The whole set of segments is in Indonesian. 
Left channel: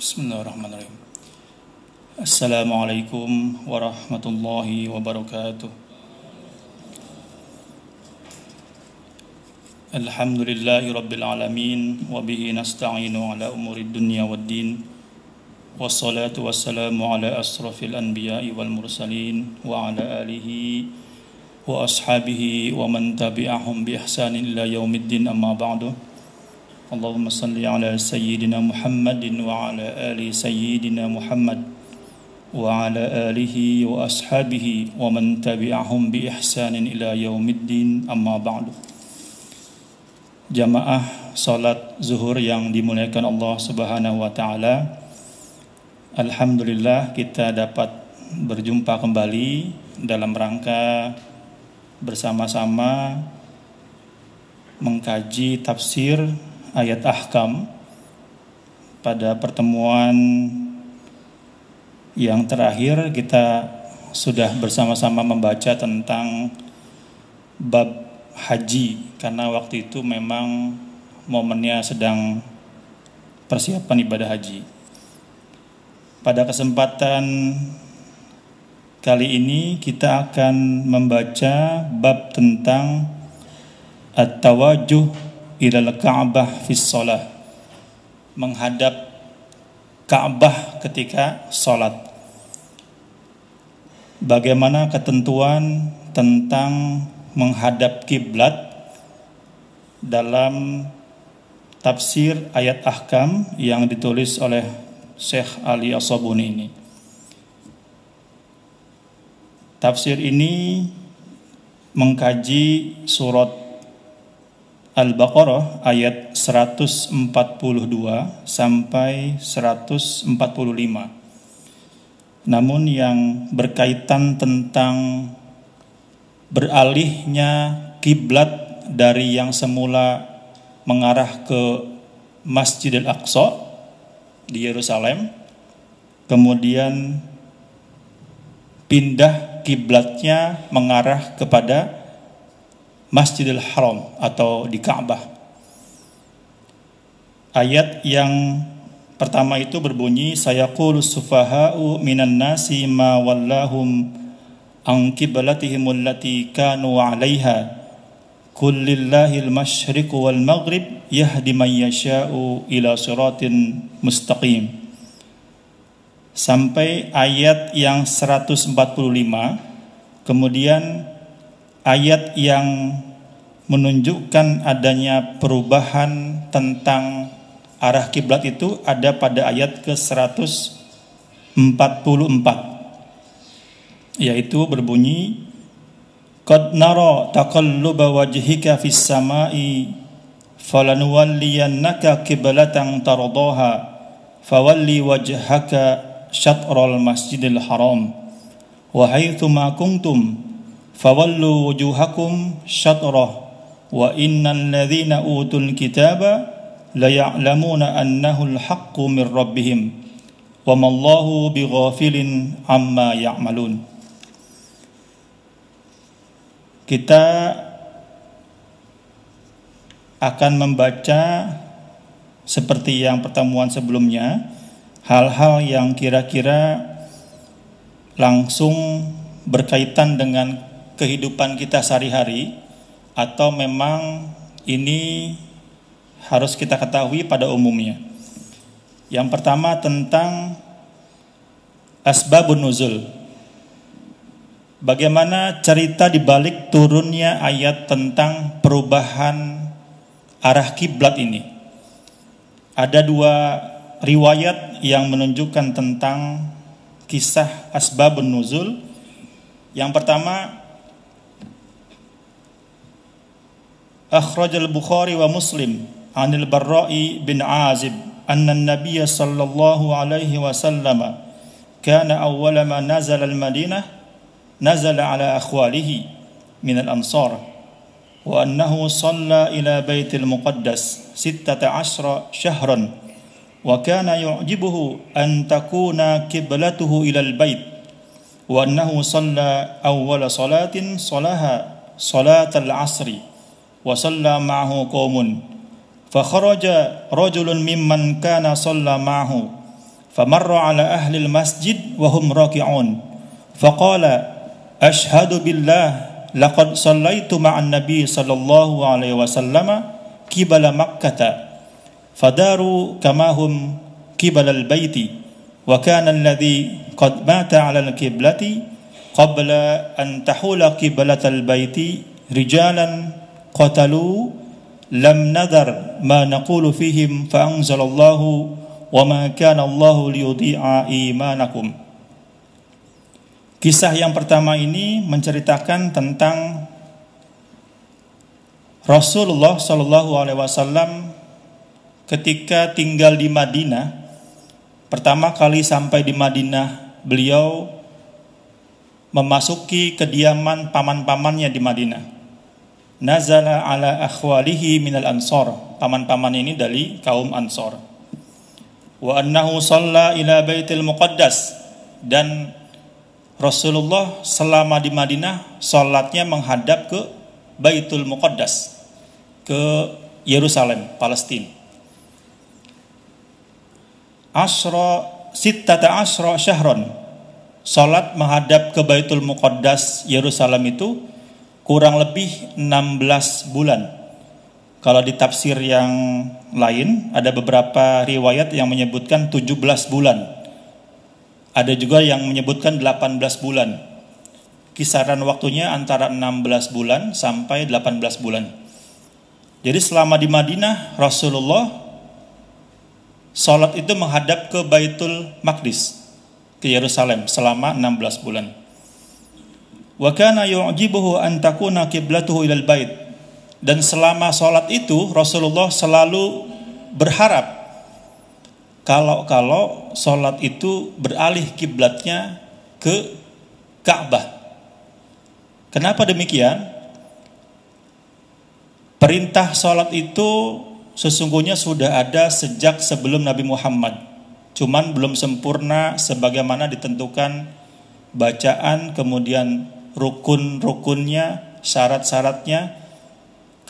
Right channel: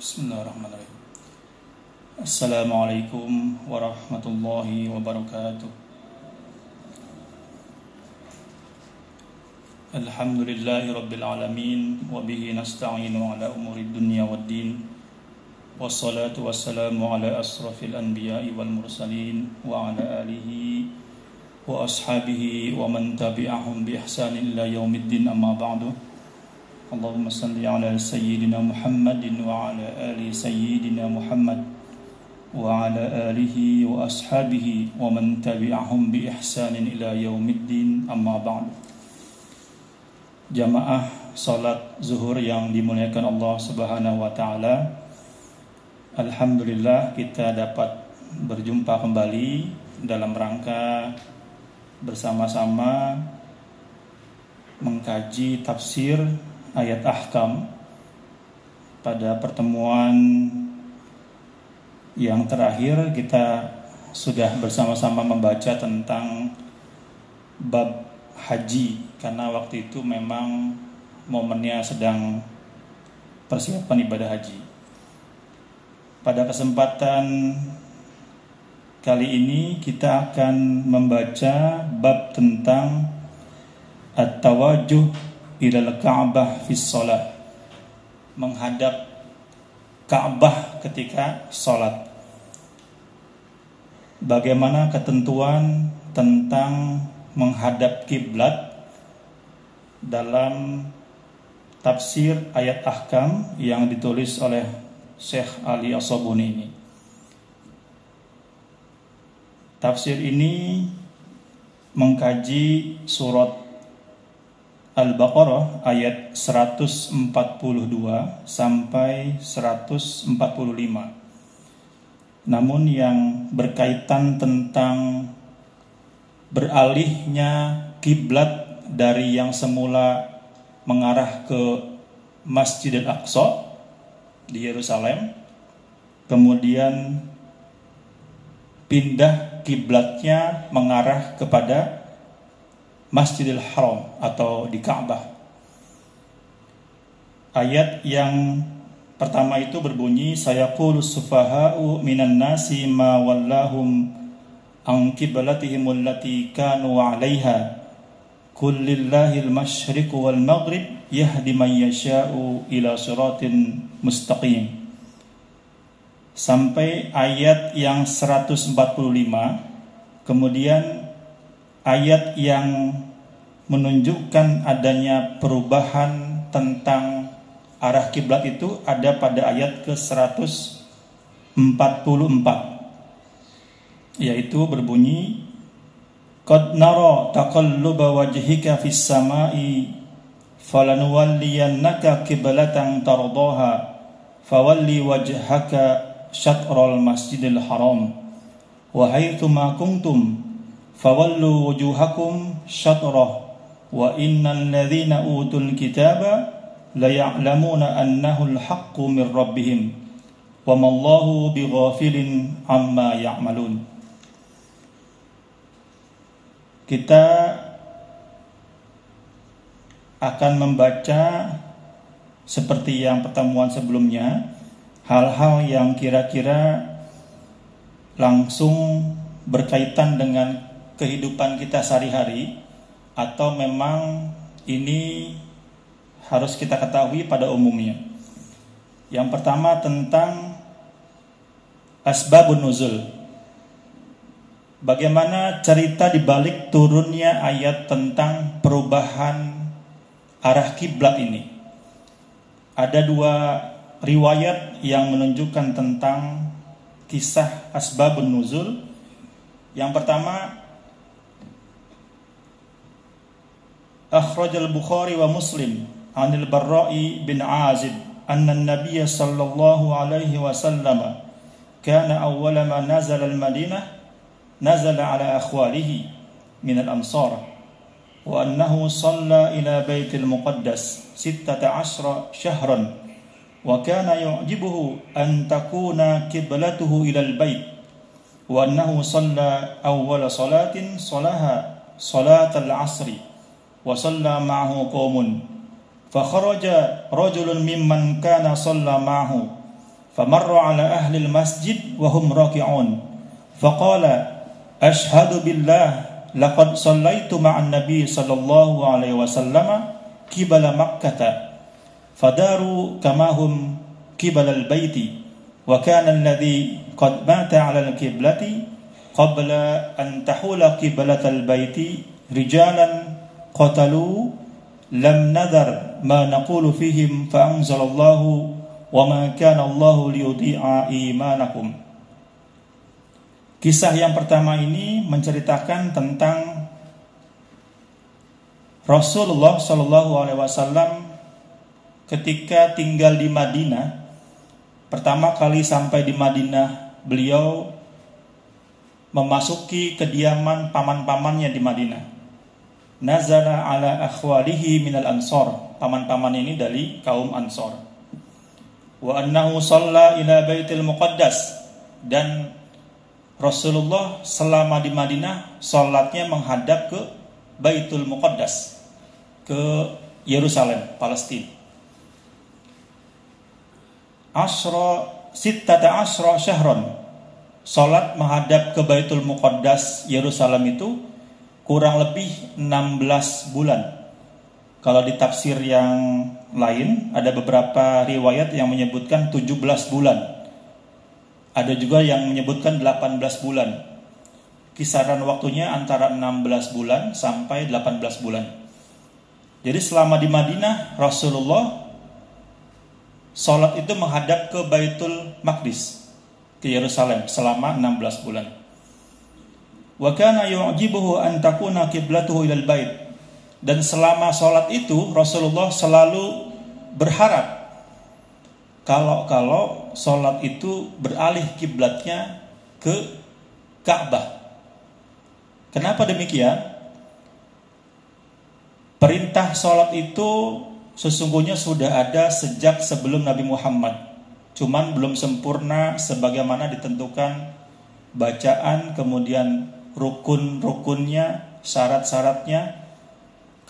Bismillahirrahmanirrahim. Assalamualaikum warahmatullahi wabarakatuh. Alhamdulillahi rabbil alamin wa bihi nasta'inu ala umurid dunya waddin. Wassalatu wassalamu ala asrafil anbiya'i wal mursalin wa ala alihi wa ashabihi wa man tabi'ahum bi ihsanin ila yaumiddin, amma ba'du. Allahumma salli ala sayyidina Muhammadin wa ala ali sayyidina Muhammad wa ala alihi wa ashabihi wa man tabi'ahum bi ihsanin ila yaumiddin, amma ba'du. Jamaah salat zuhur yang dimuliakan Allah Subhanahu wa taala, alhamdulillah kita dapat berjumpa kembali dalam rangka bersama-sama mengkaji tafsir ayat ahkam. Pada pertemuan yang terakhir kita sudah bersama-sama membaca tentang bab haji, karena waktu itu memang momennya sedang persiapan ibadah haji. Pada kesempatan kali ini kita akan membaca bab tentang at-tawajjuh ilal Ka'bah fis shalah, menghadap Ka'bah ketika salat. Bagaimana ketentuan tentang menghadap kiblat dalam tafsir ayat ahkam yang ditulis oleh Syekh Ali As-Sabuni ini. Tafsir ini mengkaji surat Al-Baqarah ayat 142 sampai 145. Namun yang berkaitan tentang beralihnya kiblat dari yang semula mengarah ke Masjidil Aqsa di Yerusalem, kemudian pindah kiblatnya mengarah kepada Masjidil Haram atau di Ka'bah. Ayat yang pertama itu berbunyi, sayaqulus sufaha'u minan nasi ma wallahum an qiblatihim allati kanu 'alaiha qul lillahil masyriqu wal maghrib yahdi man yasha'u ila siratin mustaqim. Sampai ayat yang 145. Kemudian ayat yang menunjukkan adanya perubahan tentang arah kiblat itu ada pada ayat ke-144, yaitu berbunyi, qad nara taqalluba wajhika fis samai falanuwalliyannaka qiblatan tardaha fawalli wajhaka syatral masjidil haram wa haitsu ma kuntum fawallu wujuhakum syatrah wa innal ladzina utul kitaba la ya'lamuna annahu al-haqqu min rabbihim wa mallahu bighafilin amma ya'malun. Kita akan membaca seperti yang pertemuan sebelumnya, hal-hal yang kira-kira langsung berkaitan dengan kehidupan kita sehari-hari, atau memang ini harus kita ketahui pada umumnya. Yang pertama tentang asbabun nuzul. Bagaimana cerita dibalik turunnya ayat tentang perubahan arah kiblat ini. Ada dua riwayat yang menunjukkan tentang kisah asbabun nuzul. Yang pertama, akhrajal Bukhari wa Muslim anil Barra'i bin Azib anna an-nabiy sallallahu alaihi wasallam kana awwala ma nazala al-Madinah nazala ala akhwalihi min al-ansar wa annahu shalla ila baitil muqaddas 16 shahran wa kana yu'jibuhu an takuna qiblatuhu ila al-bait wa annahu shalla awwala salatin salaha salatal asri wa shalla ma'ahu qaumun fa kharaja rajulun mimman kana shalla ma'ahu famarra ala ahli al-masjid wa hum raki'un faqala ashhadu billah laqad sallaitu ma'an nabi sallallahu alaihi wasallam qibala makkah fadaru kama hum qibala al-baiti wa kana alladhi qad mata 'ala al-qiblati qabla an tahula qiblat al-baiti rijalan qatalu lam nadar ma naqulu fihim fa anzalallahu wa ma kana Allahu liyudhi'a imanakum. Kisah yang pertama ini menceritakan tentang Rasulullah sallallahu alaihi wasallam ketika tinggal di Madinah. Pertama kali sampai di Madinah, beliau memasuki kediaman paman-pamannya di Madinah. Nazala ala akhwalihi minal ansor. Paman-paman ini dari kaum Ansor. Wa annahu shalla ila baitil muqaddas. Dan Rasulullah selama di Madinah salatnya menghadap ke Baitul Muqaddas, ke Yerusalem, Palestina. Sittata asyra syahron. Salat menghadap ke Baitul Muqaddas Yerusalem itu kurang lebih 16 bulan. Kalau di tafsir yang lain ada beberapa riwayat yang menyebutkan 17 bulan. Ada juga yang menyebutkan 18 bulan. Kisaran waktunya antara 16 bulan sampai 18 bulan. Jadi selama di Madinah Rasulullah salat itu menghadap ke Baitul Maqdis, ke Yerusalem selama 16 bulan. Wa kana yu'jibuhu an takuna qiblatuhu ilal bait. Dan selama salat itu Rasulullah selalu berharap kalau salat itu beralih kiblatnya ke Ka'bah. Kenapa demikian? Perintah salat itu sesungguhnya sudah ada sejak sebelum Nabi Muhammad. Cuman belum sempurna sebagaimana ditentukan bacaan, kemudian rukun-rukunnya, syarat-syaratnya.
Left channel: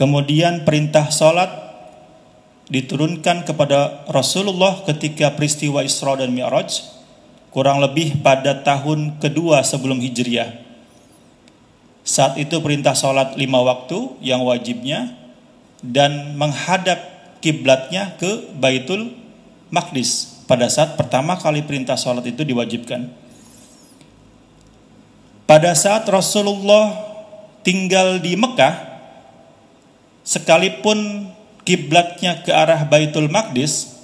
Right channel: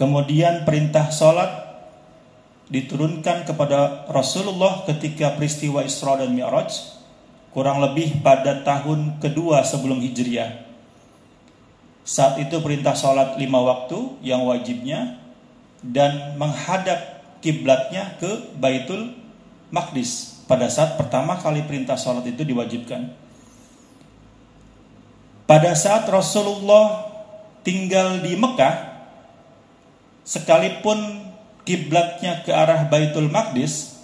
Kemudian perintah salat diturunkan kepada Rasulullah ketika peristiwa Isra dan Mi'raj, kurang lebih pada tahun kedua sebelum Hijriah. Saat itu perintah salat 5 waktu yang wajibnya dan menghadap kiblatnya ke Baitul Maqdis pada saat pertama kali perintah salat itu diwajibkan. Pada saat Rasulullah tinggal di Mekah, sekalipun kiblatnya ke arah Baitul Maqdis,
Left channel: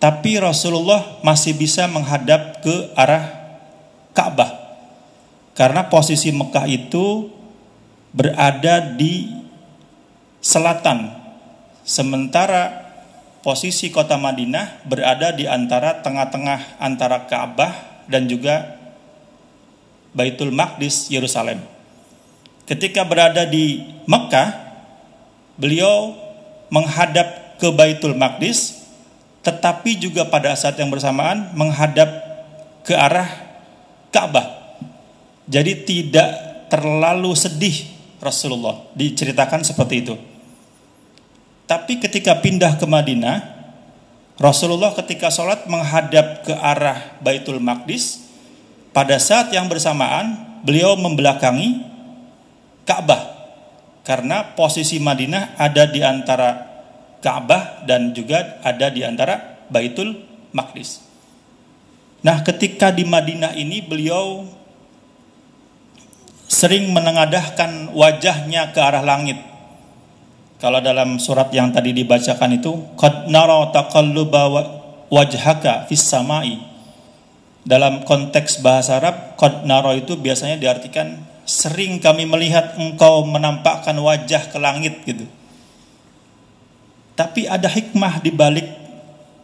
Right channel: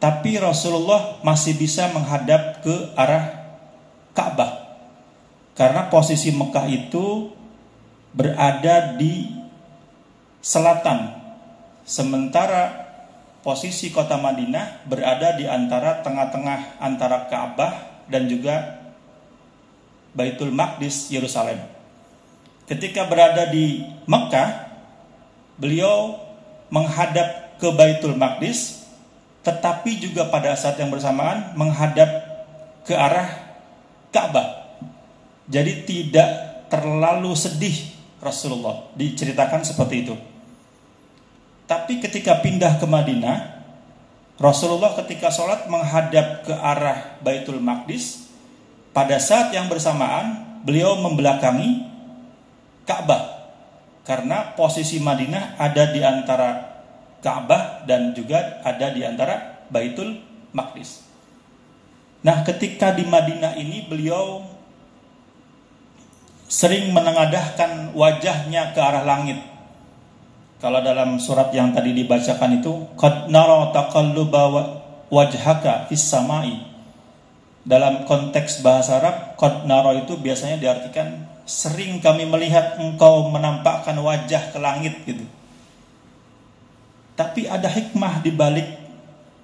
tapi Rasulullah masih bisa menghadap ke arah Ka'bah. Karena posisi Mekah itu berada di selatan, sementara posisi kota Madinah berada di antara tengah-tengah antara Ka'bah dan juga Baitul Maqdis Yerusalem. Ketika berada di Mekah, beliau menghadap ke Baitul Maqdis, tetapi juga pada saat yang bersamaan menghadap ke arah Ka'bah. Jadi tidak terlalu sedih Rasulullah, diceritakan seperti itu. Tapi ketika pindah ke Madinah, Rasulullah ketika sholat menghadap ke arah Baitul Maqdis, pada saat yang bersamaan beliau membelakangi Ka'bah. Karena posisi Madinah ada di antara Ka'bah dan juga ada di antara Baitul Maqdis. Nah, ketika di Madinah ini beliau sering menengadahkan wajahnya ke arah langit. Kalau dalam surat yang tadi dibacakan itu, qad nara taqalluba wajhaka fis samai. Dalam konteks bahasa Arab, qad nara itu biasanya diartikan sering kami melihat engkau menampakkan wajah ke langit gitu. Tapi ada hikmah di balik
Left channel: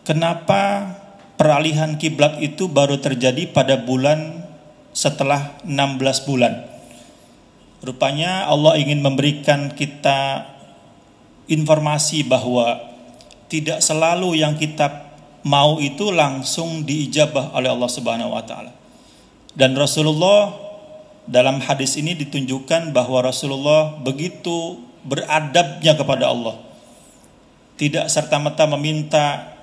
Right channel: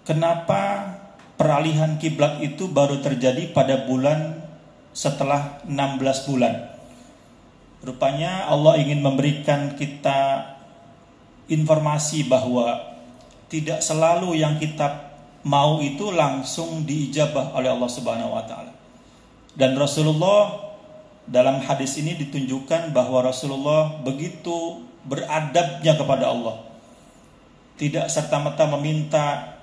kenapa peralihan kiblat itu baru terjadi pada bulan setelah 16 bulan. Rupanya Allah ingin memberikan kita informasi bahwa tidak selalu yang kita mau itu langsung diijabah oleh Allah Subhanahu wa taala. Dan Rasulullah dalam hadis ini ditunjukkan bahwa Rasulullah begitu beradabnya kepada Allah. Tidak serta-merta meminta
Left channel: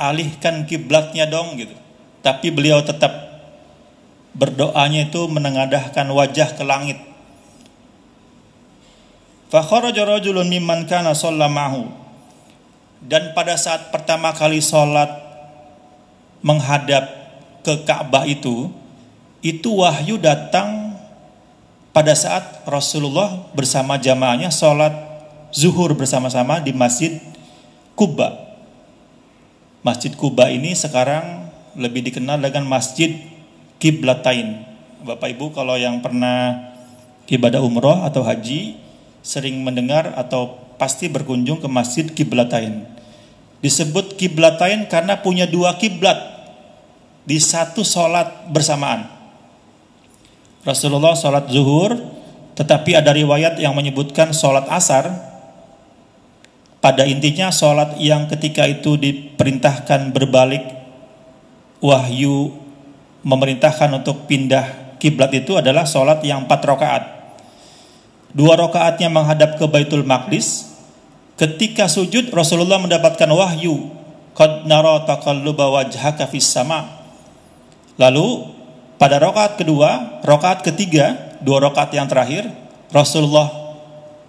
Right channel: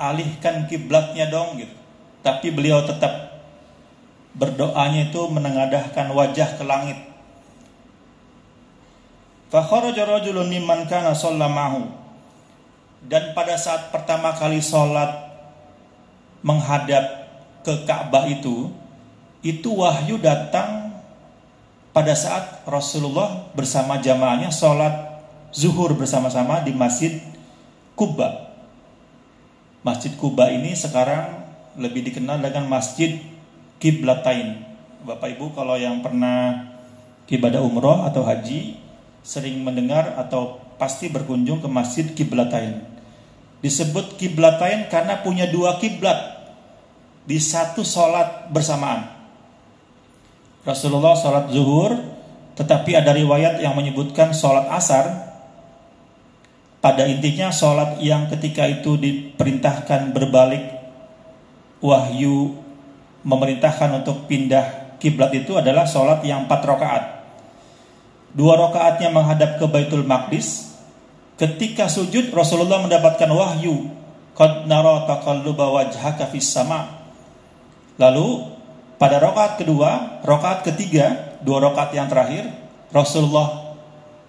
alihkan kiblatnya dong gitu. Tapi beliau tetap berdoanya itu menengadahkan wajah ke langit. Fa kharaja rajulun mimman kana shalla ma'hu. Dan pada saat pertama kali sholat menghadap ke Ka'bah itu wahyu datang pada saat Rasulullah bersama jamaahnya sholat zuhur bersama-sama di Masjid Quba. Masjid Quba ini sekarang lebih dikenal dengan Masjid Qiblatain. Bapak Ibu kalau yang pernah ibadah umroh atau haji sering mendengar atau pasti berkunjung ke Masjid Qiblatain. Disebut Qiblatain karena punya dua kiblat di satu sholat bersamaan. Rasulullah sholat zuhur, tetapi ada riwayat yang menyebutkan sholat asar. Pada intinya sholat yang ketika itu diperintahkan berbalik, wahyu memerintahkan untuk pindah kiblat itu adalah sholat yang 4 rakaat. 2 rakaatnya menghadap ke Baitul Maqdis. Ketika sujud Rasulullah mendapatkan wahyu, qad nara taqalluba wajhaka fis sama. Lalu pada rakaat kedua, rakaat ketiga, 2 rakaat yang terakhir, Rasulullah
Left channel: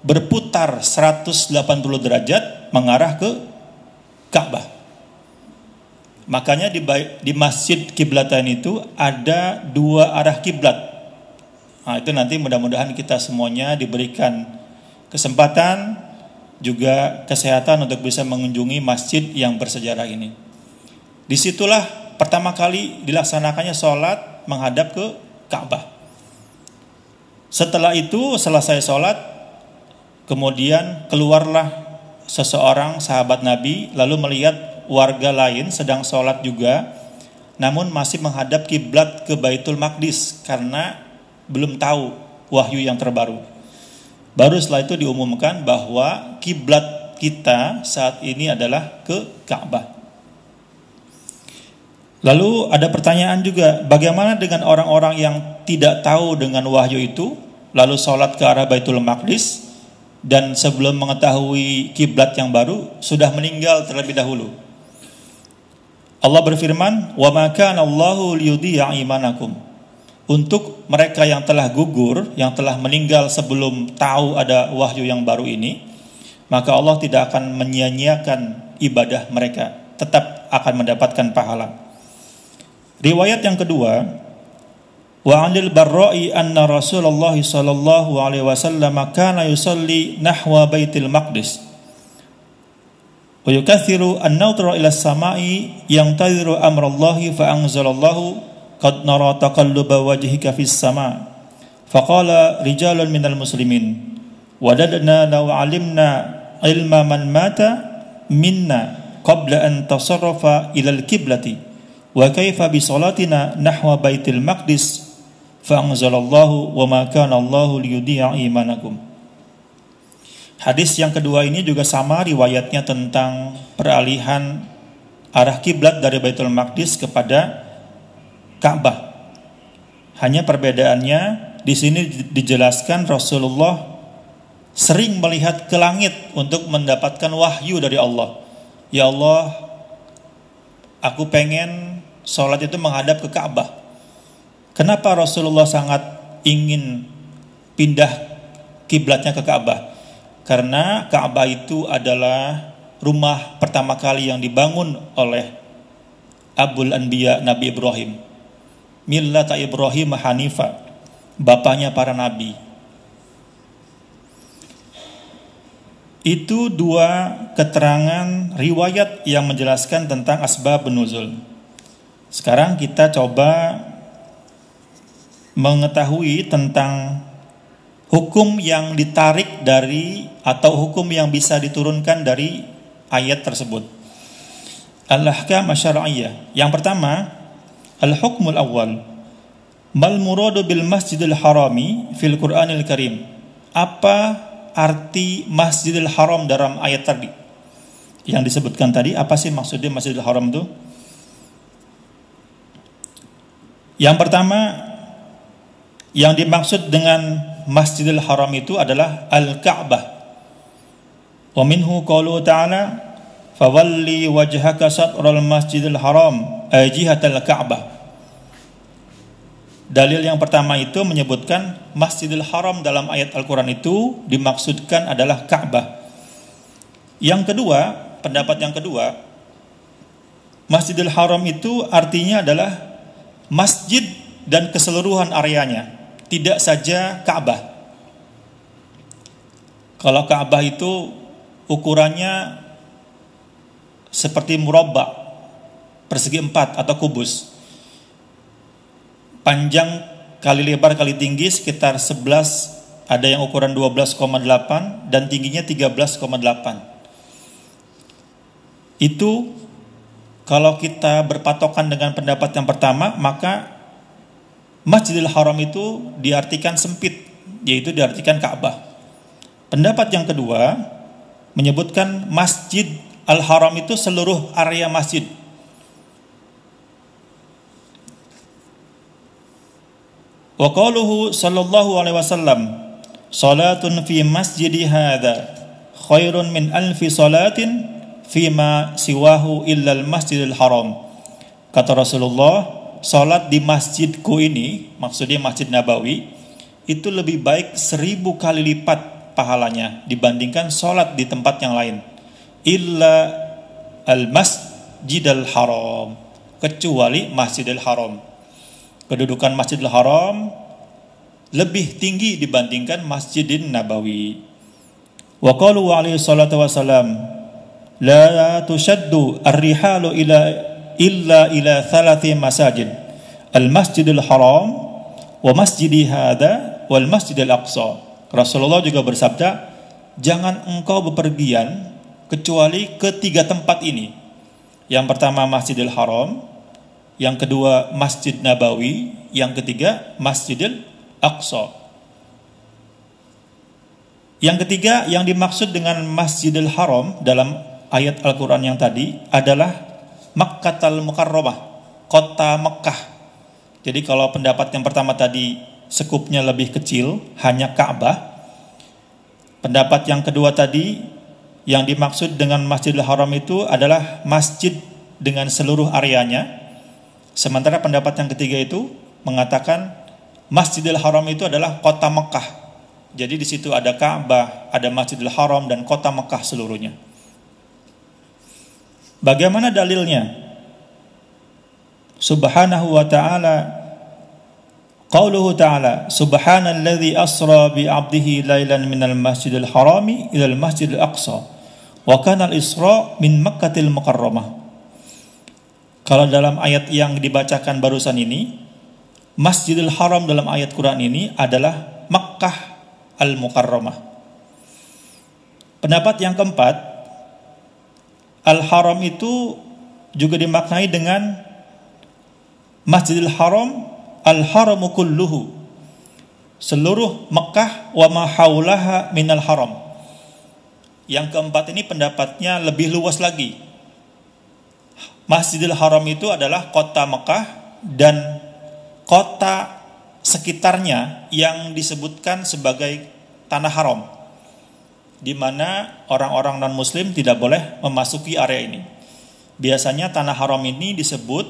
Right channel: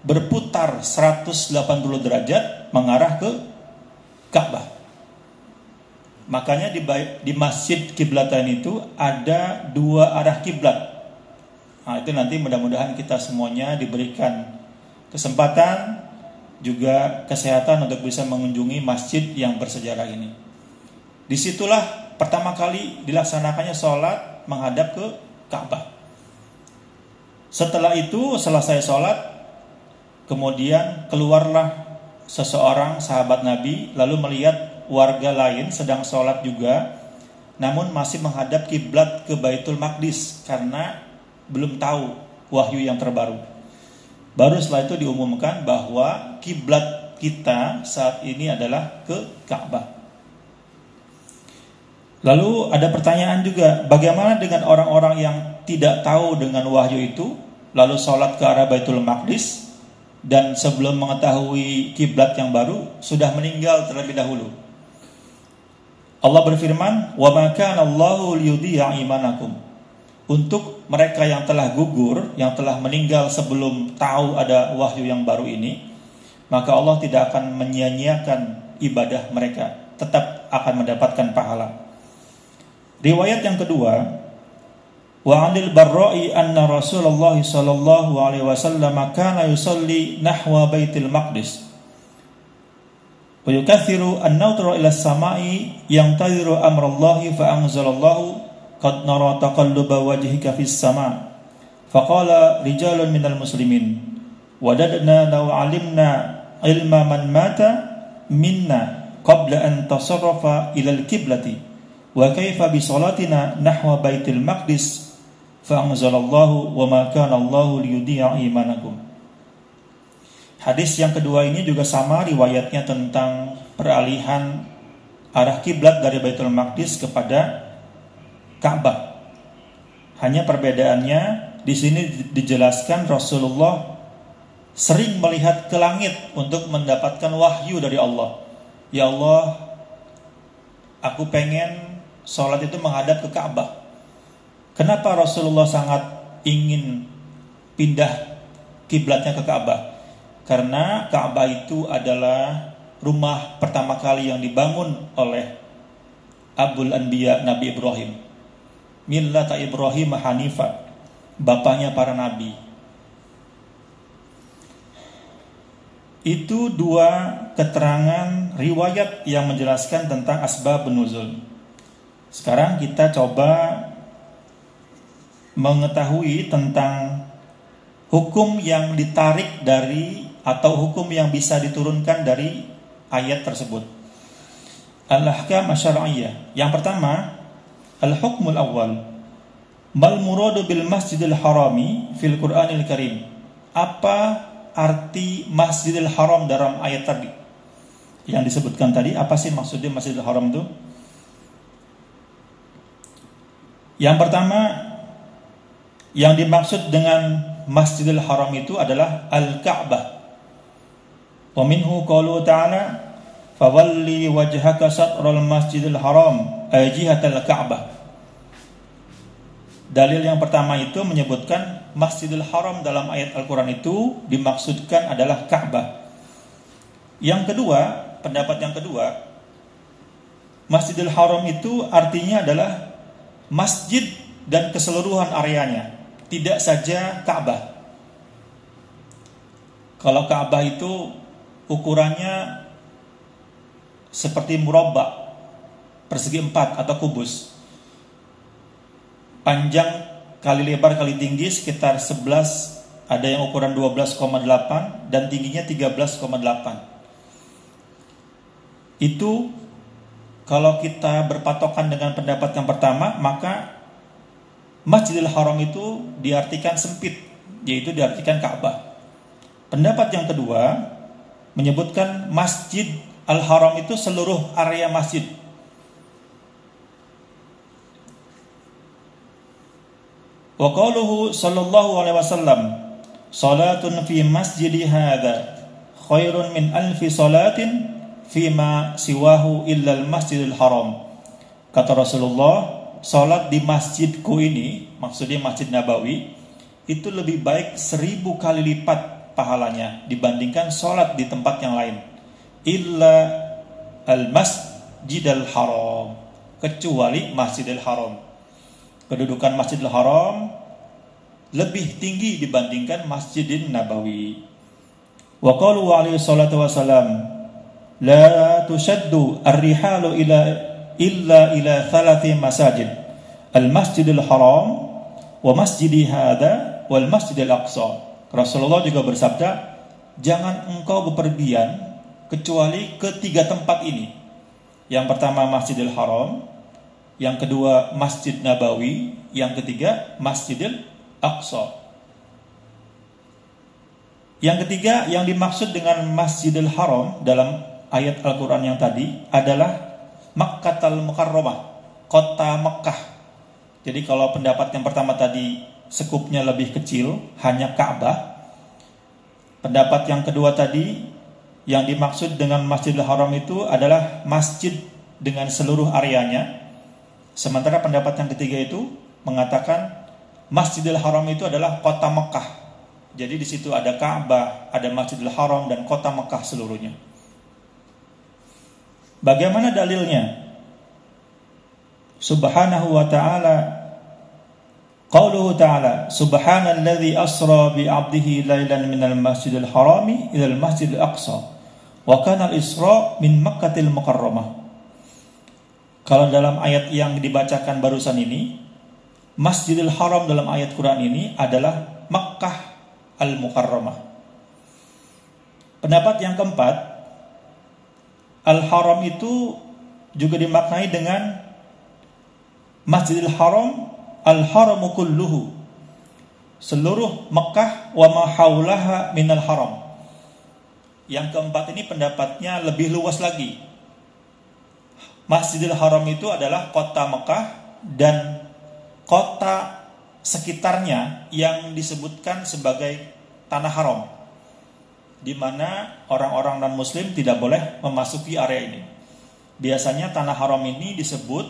berputar 180 derajat mengarah ke Ka'bah. Makanya di Masjid Qiblatain itu ada 2 arah kiblat. Nah, itu nanti mudah-mudahan kita semuanya diberikan kesempatan juga kesehatan untuk bisa mengunjungi masjid yang bersejarah ini. Disitulah pertama kali dilaksanakannya sholat menghadap ke Ka'bah. Setelah itu selesai sholat, kemudian keluarlah seseorang sahabat Nabi lalu melihat warga lain sedang sholat juga, namun masih menghadap kiblat ke Baitul Maqdis karena belum tahu wahyu yang terbaru. Baru setelah itu diumumkan bahwa kiblat kita saat ini adalah ke Ka'bah. Lalu ada pertanyaan juga, bagaimana dengan orang-orang yang tidak tahu dengan wahyu itu, lalu sholat ke arah Baitul Maqdis, dan sebelum mengetahui kiblat yang baru sudah meninggal terlebih dahulu. Allah berfirman, "Wa ma kana Allahu liyudhi'a imanakum." Untuk mereka yang telah gugur, yang telah meninggal sebelum tahu ada wahyu yang baru ini, maka Allah tidak akan menyia-nyiakan ibadah mereka, tetap akan mendapatkan pahala. Riwayat yang kedua, wa 'anil Barra'i anna Rasulullah sallallahu alaihi wasallam kana yusalli nahwa Baitul Maqdis wa yukathiru an-nadhra ila as-sama'i yantadhiru amrallahi fa anzalallahu qad nara taqalluba wajhika fis sama' faqala rijalun minal muslimin wadadna law 'alimna ilma man mata minna qabla an tasarrafa ila al-qiblati wa kaifa bi salatina nahwa Baitul Maqdis fa anzalallahu wa ma kana Allahu liyudhi'a imanakum. Hadis yang kedua ini juga sama riwayatnya tentang peralihan arah kiblat dari Baitul Maqdis kepada Ka'bah. Hanya perbedaannya di sini dijelaskan Rasulullah sering melihat ke langit untuk mendapatkan wahyu dari Allah. Ya Allah, aku pengen sholat itu menghadap ke Ka'bah. Kenapa Rasulullah sangat ingin pindah kiblatnya ke Ka'bah? Karena Ka'bah itu adalah rumah pertama kali yang dibangun oleh Abul Anbiya Nabi Ibrahim. Millata Ibrahim Hanifa, bapaknya para nabi. Itu 2 keterangan riwayat yang menjelaskan tentang asbab nuzul. Sekarang kita coba mengetahui tentang hukum yang ditarik dari atau hukum yang bisa diturunkan dari ayat tersebut. Al-ahkam asy-syar'iyyah. Yang pertama, al-hukmul awal. Mal muradu bil Masjidil Harami fil Qur'anil Karim. Apa arti Masjidil Haram dalam ayat tadi? Yang disebutkan tadi, apa sih maksudnya Masjidil Haram itu? Yang pertama, yang dimaksud dengan Masjidil Haram itu adalah Al-Ka'bah. Wa minhu qaulu ta'ala fawalli wajhaka syatral masjidil haram ay jihatal ka'bah. Dalil yang pertama itu menyebutkan Masjidil Haram dalam ayat Al-Quran itu dimaksudkan adalah Ka'bah. Yang kedua, pendapat yang kedua, Masjidil Haram itu artinya adalah masjid dan keseluruhan areanya, tidak saja Ka'bah. Kalau Ka'bah itu ukurannya seperti murabba, persegi 4 atau kubus. Panjang kali lebar kali tinggi sekitar 11, ada yang ukuran 12,8 dan tingginya 13,8. Itu kalau kita berpatokan dengan pendapat yang pertama, maka Masjidil Haram itu diartikan sempit, yaitu diartikan Ka'bah. Pendapat yang kedua menyebutkan Masjid Al-Haram itu seluruh area masjid. Wa qaluhu sallallahu alaihi wasallam, salatun fi masjidi hadza khairun min alfi salatin fima siwahu illa al-masjidil haram. Kata Rasulullah, salat di masjidku ini, maksudnya Masjid Nabawi, itu lebih baik 1000 kali lipat pahalanya dibandingkan salat di tempat yang lain. Illa al-masjidil haram, kecuali Masjidil Haram. Kedudukan Masjidil Haram lebih tinggi dibandingkan Masjidin Nabawi. Wa qalu alaihi salatu wassalam, la tushaddu ar-rihalu illa ila thalathi masajid, al-Masjidil Haram wa masjidi hadza wal Masjidil Aqsa. Rasulullah juga bersabda, jangan engkau bepergian kecuali ke 3 tempat ini. Yang pertama Masjidil Haram, yang kedua Masjid Nabawi, yang ketiga Masjidil Aqsa. Yang ketiga yang dimaksud dengan Masjidil Haram dalam ayat Al-Quran yang tadi adalah Makkatal Mukarramah, kota Mekkah. Jadi kalau pendapat yang pertama tadi sekupnya lebih kecil, hanya Ka'bah. Pendapat yang kedua tadi yang dimaksud dengan Masjidil Haram itu adalah masjid dengan seluruh areanya. Sementara pendapat yang ketiga itu mengatakan Masjidil Haram itu adalah kota Mekkah. Jadi di situ ada Ka'bah, ada Masjidil Haram dan kota Mekkah seluruhnya. Bagaimana dalilnya? Subhanahu wa ta'ala, qauluhu ta'ala, subhanalladzi asra bi 'abdihi lailan minal masjidil harami ilal masjidil aqsa wa kana al-isra min Makkatil Mukarramah. Kalau dalam ayat yang dibacakan barusan ini, Masjidil Haram dalam ayat Quran ini adalah Makkah Al-Mukarramah. Pendapat yang keempat, Al-Haram itu juga dimaknai dengan Masjidil Haram, Al-Haramu kulluhu, seluruh Makkah wa ma haulaha minal haram. Yang keempat ini pendapatnya lebih luas lagi. Masjidil Haram itu adalah kota Mekah dan kota sekitarnya yang disebutkan sebagai tanah haram, di mana orang-orang non-muslim tidak boleh memasuki area ini. Biasanya tanah haram ini disebut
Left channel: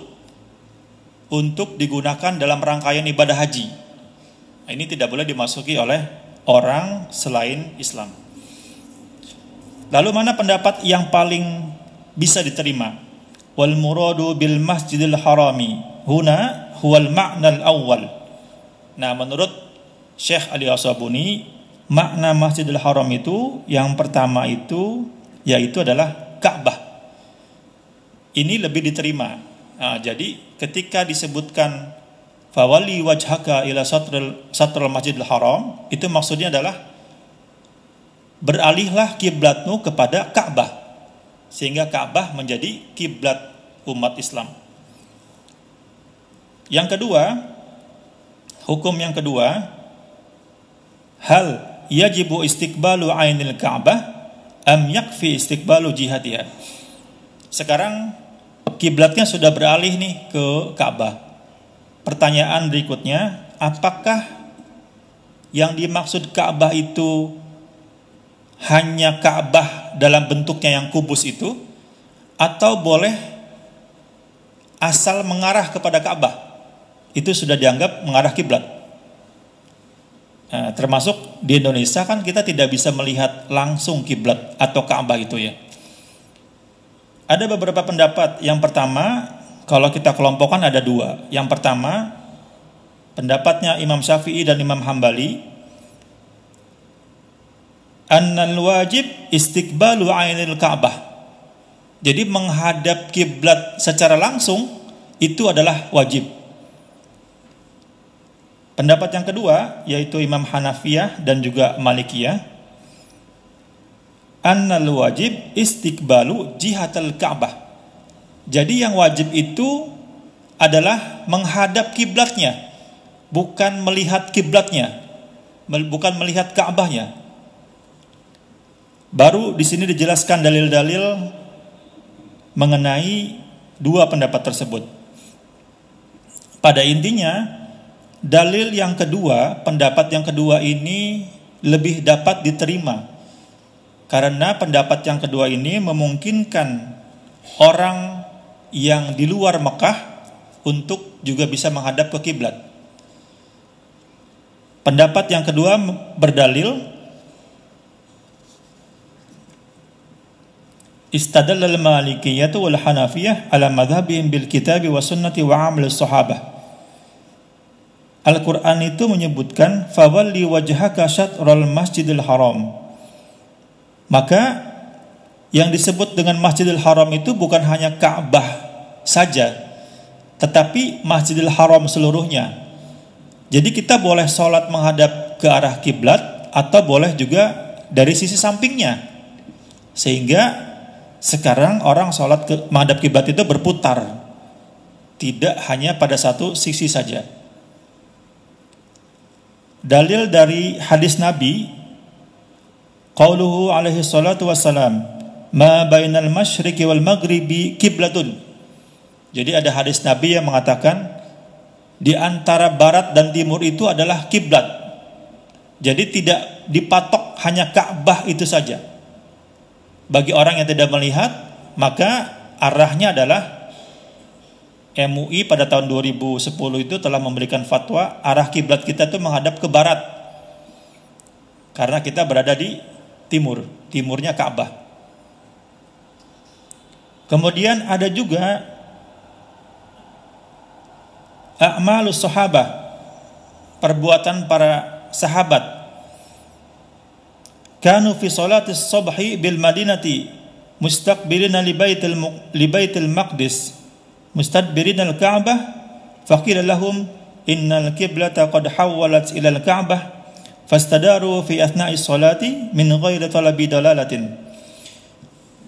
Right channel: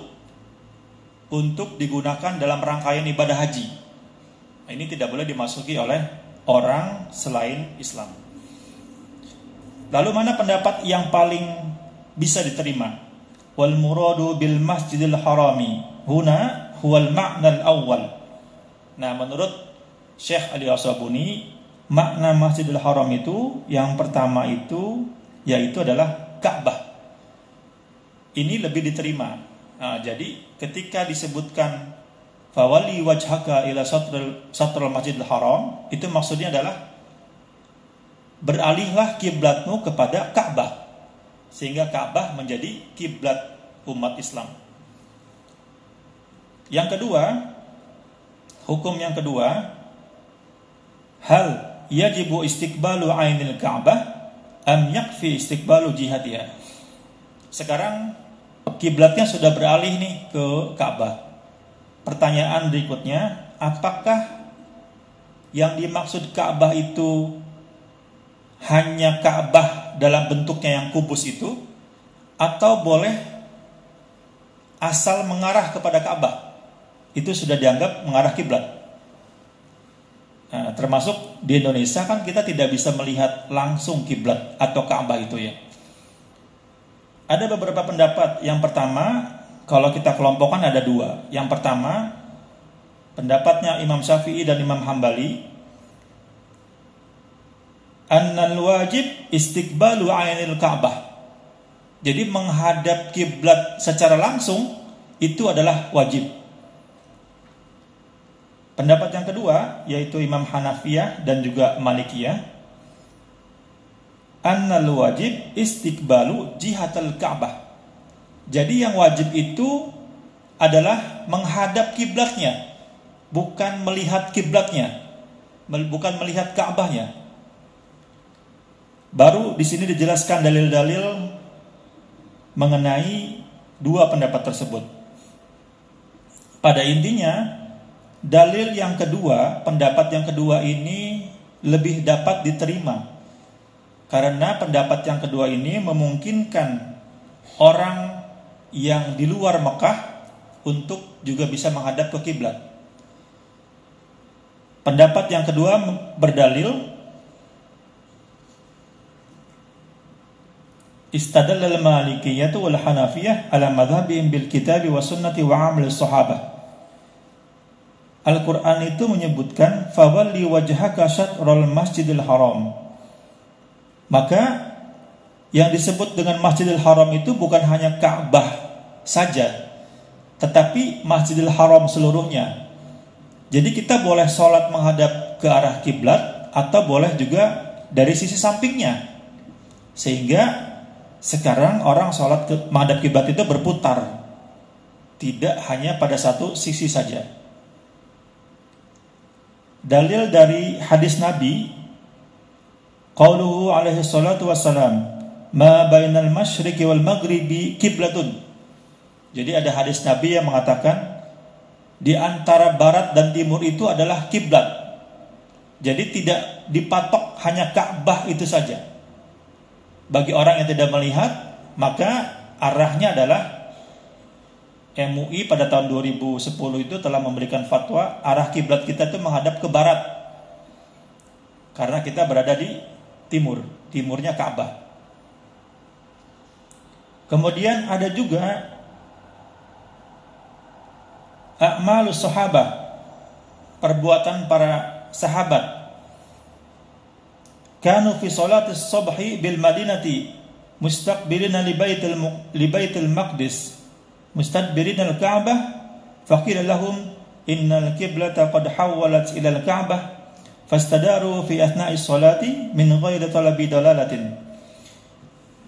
untuk digunakan dalam rangkaian ibadah haji. Ini tidak boleh dimasuki oleh orang selain Islam. Lalu mana pendapat yang paling bisa diterima? Wal muradu bil masjidil harami huna huwal ma'nal awwal. Nah, menurut Syekh Ali As-Sabuni, makna Masjidil Haram itu yang pertama itu yaitu adalah Ka'bah. Ini lebih diterima. Nah, jadi ketika disebutkan fawali wajhaka ila satral Masjidil Haram, itu maksudnya adalah beralihlah kiblatmu kepada Ka'bah, sehingga Ka'bah menjadi kiblat umat Islam. Yang kedua, hukum yang kedua, hal yajibu istiqbalu ainil Ka'bah am yakfi istiqbalu jihatiha. Sekarang kiblatnya sudah beralih nih ke Ka'bah. Pertanyaan berikutnya, apakah yang dimaksud Ka'bah itu hanya Ka'bah dalam bentuknya yang kubus itu, atau boleh asal mengarah kepada Ka'bah. Itu sudah dianggap mengarah kiblat. Nah, termasuk di Indonesia kan kita tidak bisa melihat langsung kiblat atau Ka'bah itu ya. Ada beberapa pendapat. Yang pertama, kalau kita kelompokkan ada dua. Yang pertama, pendapatnya Imam Syafi'i dan Imam Hambali, annal wajib istiqbalu ainil Ka'bah. Jadi menghadap kiblat secara langsung itu adalah wajib. Pendapat yang kedua yaitu Imam Hanafiyah dan juga Malikiyah, annal wajib istiqbalu jihatal Ka'bah. Jadi yang wajib itu adalah menghadap kiblatnya, bukan melihat kiblatnya, bukan melihat Ka'bahnya. Baru di sini dijelaskan dalil-dalil mengenai dua pendapat tersebut. Pada intinya, dalil yang kedua, pendapat yang kedua ini lebih dapat diterima. Karena pendapat yang kedua ini memungkinkan orang yang di luar Mekah untuk juga bisa menghadap ke kiblat. Pendapat yang kedua berdalil istadalla al-Malikiyyah wal Hanafiyah ala madhhabihim bil kitabi wa sunnati wa amal sahabah. Al-Quran itu menyebutkan fawalli wajhaka syatral masjidil haram. Maka yang disebut dengan Masjidil Haram itu bukan hanya Ka'bah saja, tetapi Masjidil Haram seluruhnya. Jadi kita boleh sholat menghadap ke arah kiblat atau boleh juga dari sisi sampingnya. Sehingga sekarang orang sholat menghadap kiblat itu berputar, tidak hanya pada satu sisi saja. Dalil dari hadis Nabi, qauluhu alaihi salatu wassalam, ma bainal masyriqi wal maghribi kiblatun. Jadi ada hadis Nabi yang mengatakan di antara barat dan timur itu adalah kiblat. Jadi tidak dipatok hanya Ka'bah itu saja. Bagi orang yang tidak melihat, maka arahnya adalah MUI pada tahun 2010 itu telah memberikan fatwa arah kiblat kita itu menghadap ke barat. Karena kita berada di timur, timurnya Ka'bah. Kemudian ada juga a'malus sahabah, perbuatan para sahabat. Kanu fi salatis subhi bil madinati mustaqbilina li baitil maqdis mustadbirina al Ka'bah faqila lahum innal qiblata qad hawwalat ila al Ka'bah fastadaru fi athna'i salati min ghairi talabi dalalatin.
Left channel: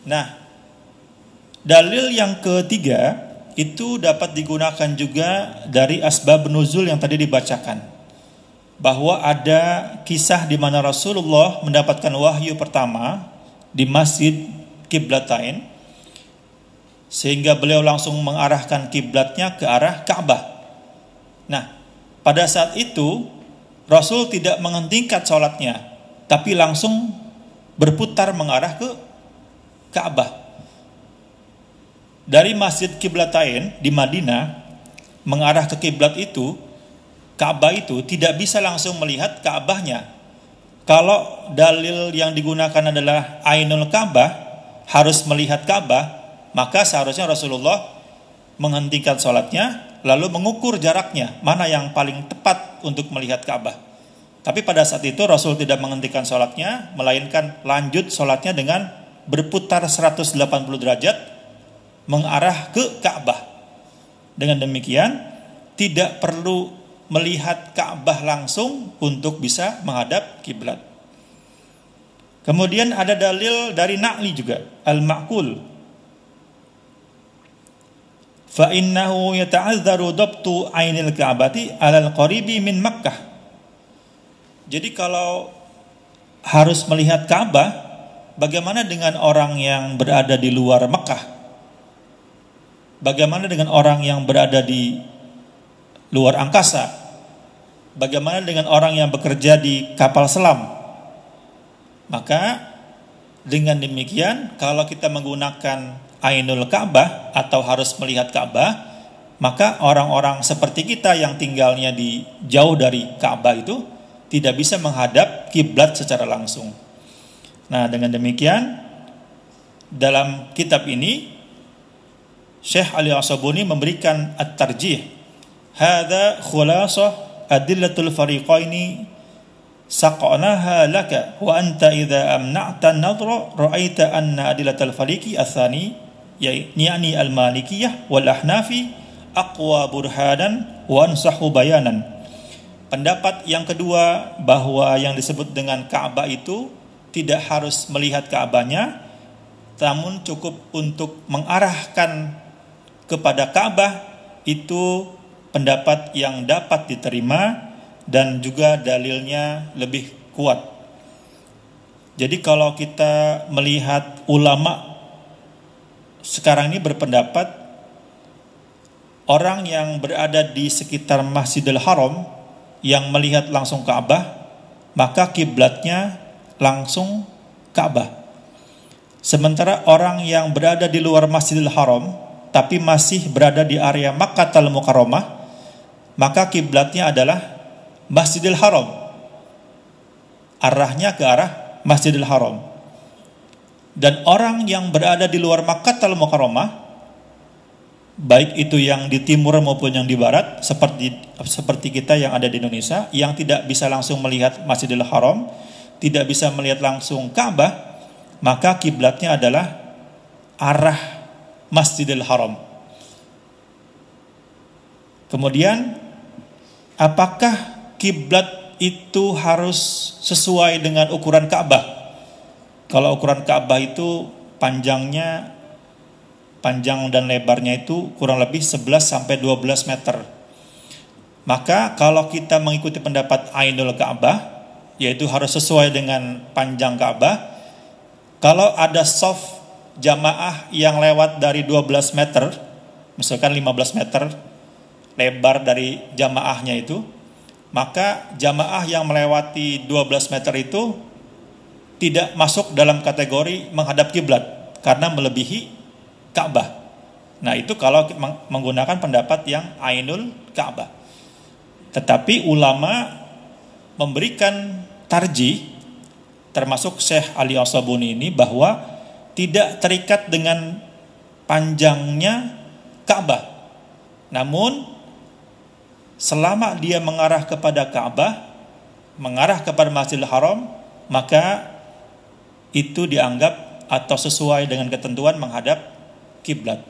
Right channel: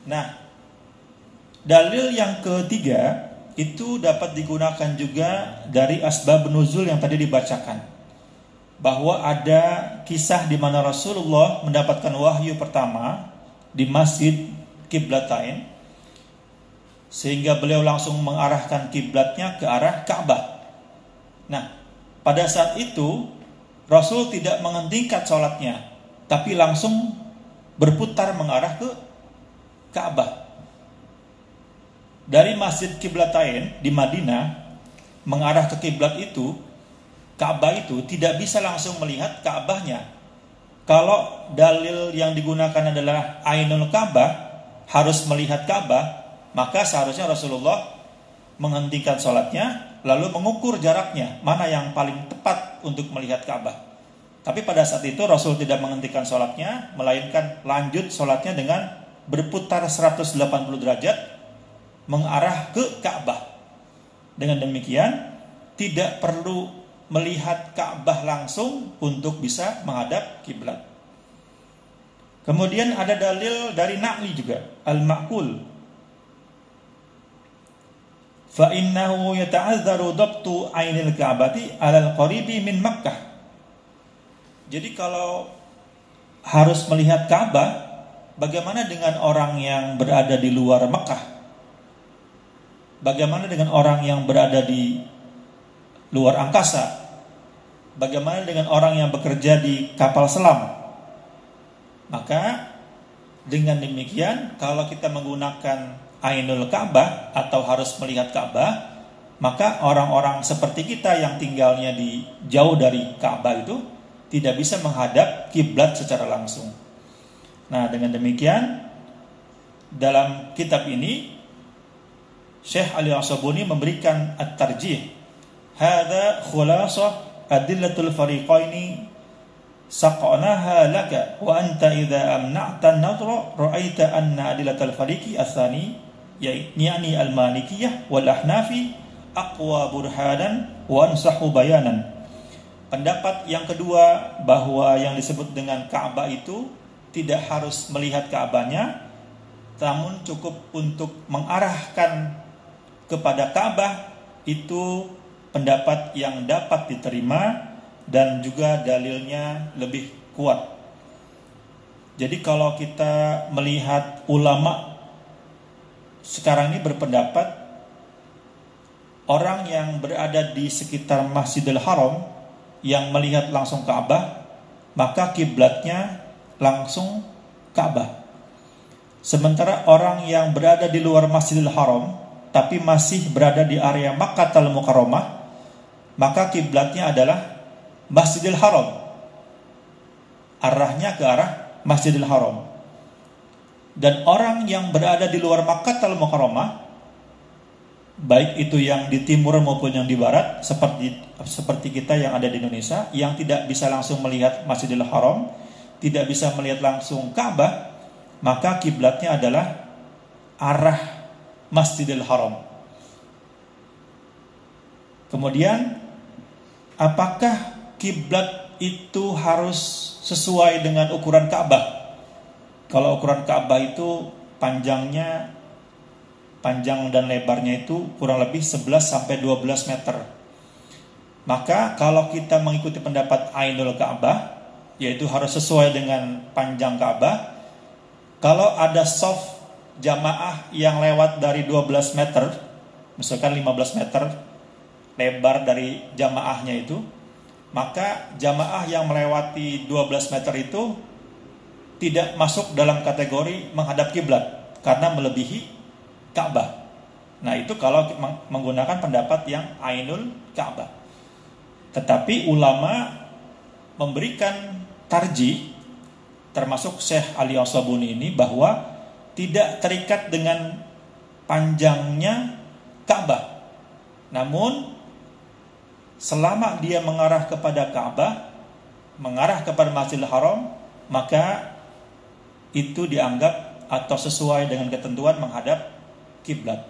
Nah, dalil yang ketiga itu dapat digunakan juga dari asbab nuzul yang tadi dibacakan, bahwa ada kisah di mana Rasulullah mendapatkan wahyu pertama di Masjid Qiblatain, sehingga beliau langsung mengarahkan kiblatnya ke arah Ka'bah. Nah, pada saat itu Rasul tidak menghentikan sholatnya, tapi langsung berputar mengarah ke Ka'bah. Dari Masjid Qiblatain di Madinah mengarah ke kiblat itu, Ka'bah itu tidak bisa langsung melihat Ka'bahnya. Kalau dalil yang digunakan adalah Ainul Ka'bah, harus melihat Ka'bah, maka seharusnya Rasulullah menghentikan sholatnya lalu mengukur jaraknya mana yang paling tepat untuk melihat Ka'bah. Tapi pada saat itu Rasul tidak menghentikan sholatnya, melainkan lanjut sholatnya dengan berputar 180 derajat mengarah ke Ka'bah. Dengan demikian tidak perlu melihat Ka'bah langsung untuk bisa menghadap kiblat. Kemudian ada dalil dari Na'li juga, al-ma'qul. Fa innahu yata'azzaru dabtu ainil Ka'bati 'alal qaribi min Makkah. Jadi kalau harus melihat Ka'bah, bagaimana dengan orang yang berada di luar Mekah? Bagaimana dengan orang yang berada di luar angkasa? Bagaimana dengan orang yang bekerja di kapal selam? Maka dengan demikian, kalau kita menggunakan Ainul Ka'bah atau harus melihat Ka'bah, maka orang-orang seperti kita yang tinggalnya di jauh dari Ka'bah itu tidak bisa menghadap kiblat secara langsung. Nah, dengan demikian dalam kitab ini Syekh Ali As-Sabuni memberikan at-tarjih. Hadza khulasah adillatul fariqaini saqanaha laka wa anta idza amna'ta an-nadhra ra'aita anna adillatul fariqi ats-tsani yani al-malikiyah wal ahnafi aqwa burhanan wa ansahu bayanan. Pendapat yang kedua, bahwa yang disebut dengan Ka'bah itu tidak harus melihat Ka'bahnya, namun cukup untuk mengarahkan kepada Ka'bah, itu pendapat yang dapat diterima dan juga dalilnya lebih kuat. Jadi kalau kita melihat ulama sekarang ini berpendapat orang yang berada di sekitar Masjidil Haram yang melihat langsung Ka'bah, maka kiblatnya langsung Ka'bah. Sementara orang yang berada di luar Masjidil Haram tapi masih berada di area Makkahul Mukarramah, maka kiblatnya adalah Masjidil Haram. Arahnya ke arah Masjidil Haram. Dan orang yang berada di luar Makkahul Mukarramah, baik itu yang di timur maupun yang di barat, seperti kita yang ada di Indonesia, yang tidak bisa langsung melihat Masjidil Haram, tidak bisa melihat langsung Ka'bah, maka kiblatnya adalah arah Masjidil Haram. Kemudian, apakah kiblat itu harus sesuai dengan ukuran Ka'bah? Kalau ukuran Ka'bah itu panjang dan lebarnya itu kurang lebih 11 sampai 12 meter. Maka kalau kita mengikuti pendapat Ainul Ka'bah, yaitu harus sesuai dengan panjang Ka'bah. Kalau ada shaf jamaah yang lewat dari 12 meter, misalkan 15 meter lebar dari jamaahnya itu, maka jamaah yang melewati 12 meter itu tidak masuk dalam kategori menghadap kiblat karena melebihi Ka'bah. Nah, itu kalau menggunakan pendapat yang Ainul Ka'bah. Tetapi ulama memberikan tarjih, termasuk Syekh Ali As-Sabuni ini, bahwa tidak terikat dengan panjangnya Ka'bah. Namun selama dia mengarah kepada Ka'bah, mengarah kepada Masjidil Haram, maka itu dianggap atau sesuai dengan ketentuan menghadap kiblat.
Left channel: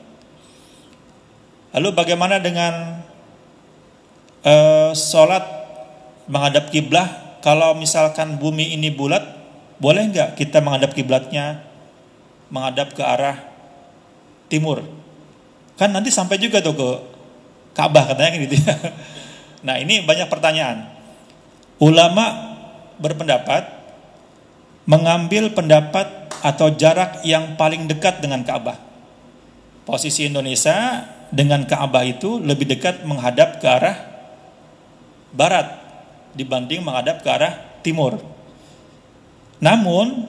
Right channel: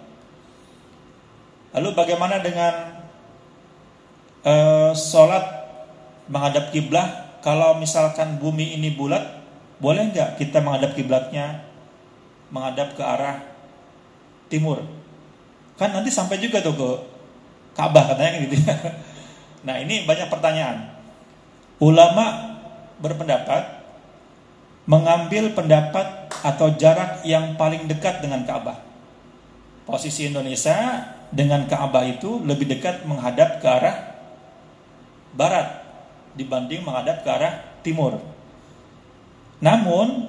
Lalu bagaimana dengan sholat menghadap kiblat? Kalau misalkan bumi ini bulat, boleh nggak kita menghadap kiblatnya menghadap ke arah timur? Kan nanti sampai juga tuh ke Ka'bah katanya gitu. Nah, ini banyak pertanyaan. Ulama berpendapat mengambil pendapat atau jarak yang paling dekat dengan Ka'bah. Posisi Indonesia dengan Ka'bah itu lebih dekat menghadap ke arah barat dibanding menghadap ke arah timur. Namun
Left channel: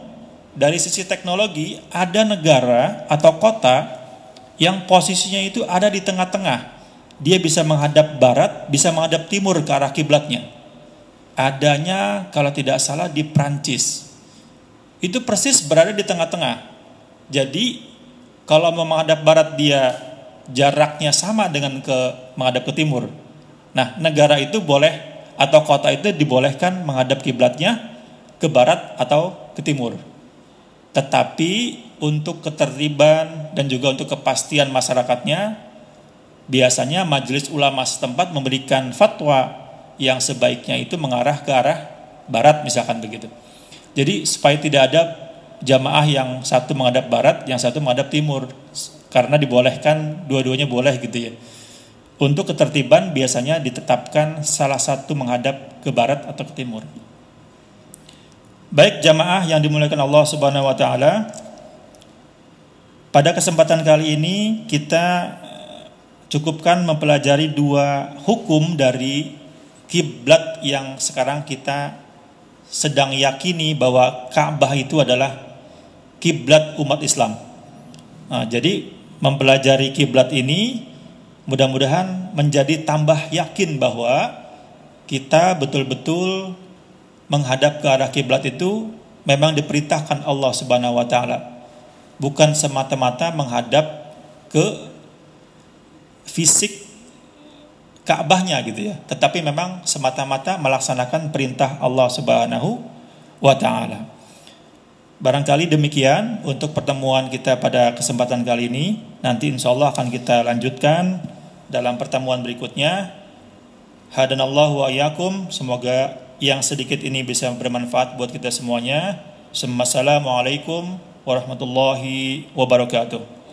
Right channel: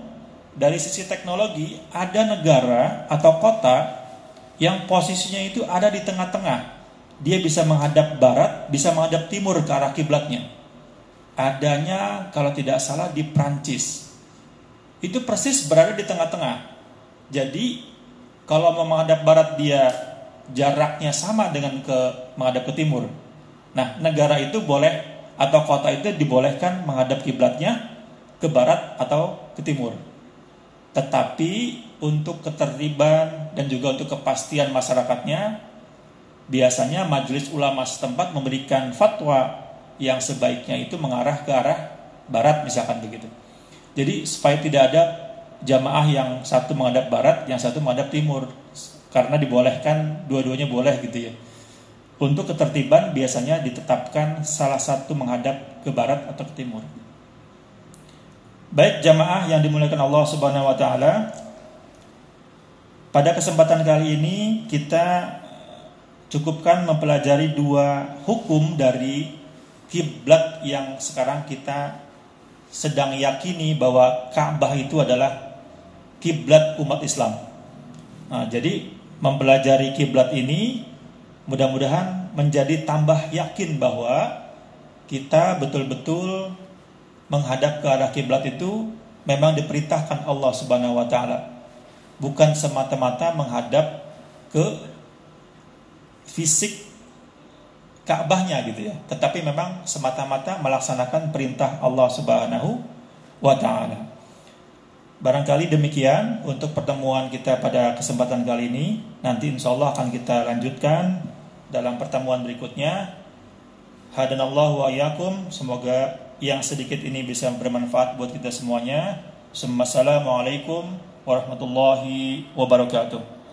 dari sisi teknologi, ada negara atau kota yang posisinya itu ada di tengah-tengah. Dia bisa menghadap barat, bisa menghadap timur ke arah kiblatnya. Adanya kalau tidak salah di Prancis. Itu persis berada di tengah-tengah. Jadi kalau mau menghadap barat dia jaraknya sama dengan menghadap ke timur. Nah, negara itu boleh atau kota itu dibolehkan menghadap kiblatnya ke barat atau ke timur. Tetapi untuk ketertiban dan juga untuk kepastian masyarakatnya, biasanya majelis ulama setempat memberikan fatwa yang sebaiknya itu mengarah ke arah barat, misalkan begitu. Jadi supaya tidak ada jamaah yang satu menghadap barat, yang satu menghadap timur, karena dibolehkan dua-duanya boleh gitu ya. Untuk ketertiban biasanya ditetapkan salah satu menghadap ke barat atau ke timur. Baik jamaah yang dimuliakan Allah Subhanahu wa taala, pada kesempatan kali ini kita cukupkan mempelajari dua hukum dari kiblat yang sekarang kita sedang yakini bahwa Ka'bah itu adalah kiblat umat Islam. Nah, jadi mempelajari kiblat ini mudah-mudahan menjadi tambah yakin bahwa kita betul-betul menghadap ke arah kiblat itu memang diperintahkan Allah Subhanahu wa taala. Bukan semata-mata menghadap ke fisik Ka'bahnya gitu ya, tetapi memang semata-mata melaksanakan perintah Allah Subhanahu wa taala. Barangkali demikian untuk pertemuan kita pada kesempatan kali ini. Nanti insyaallah akan kita lanjutkan dalam pertemuan berikutnya. Hadanallahu wa iyyakum, semoga yang sedikit ini bisa bermanfaat buat kita semuanya. Assalamualaikum warahmatullahi wabarakatuh.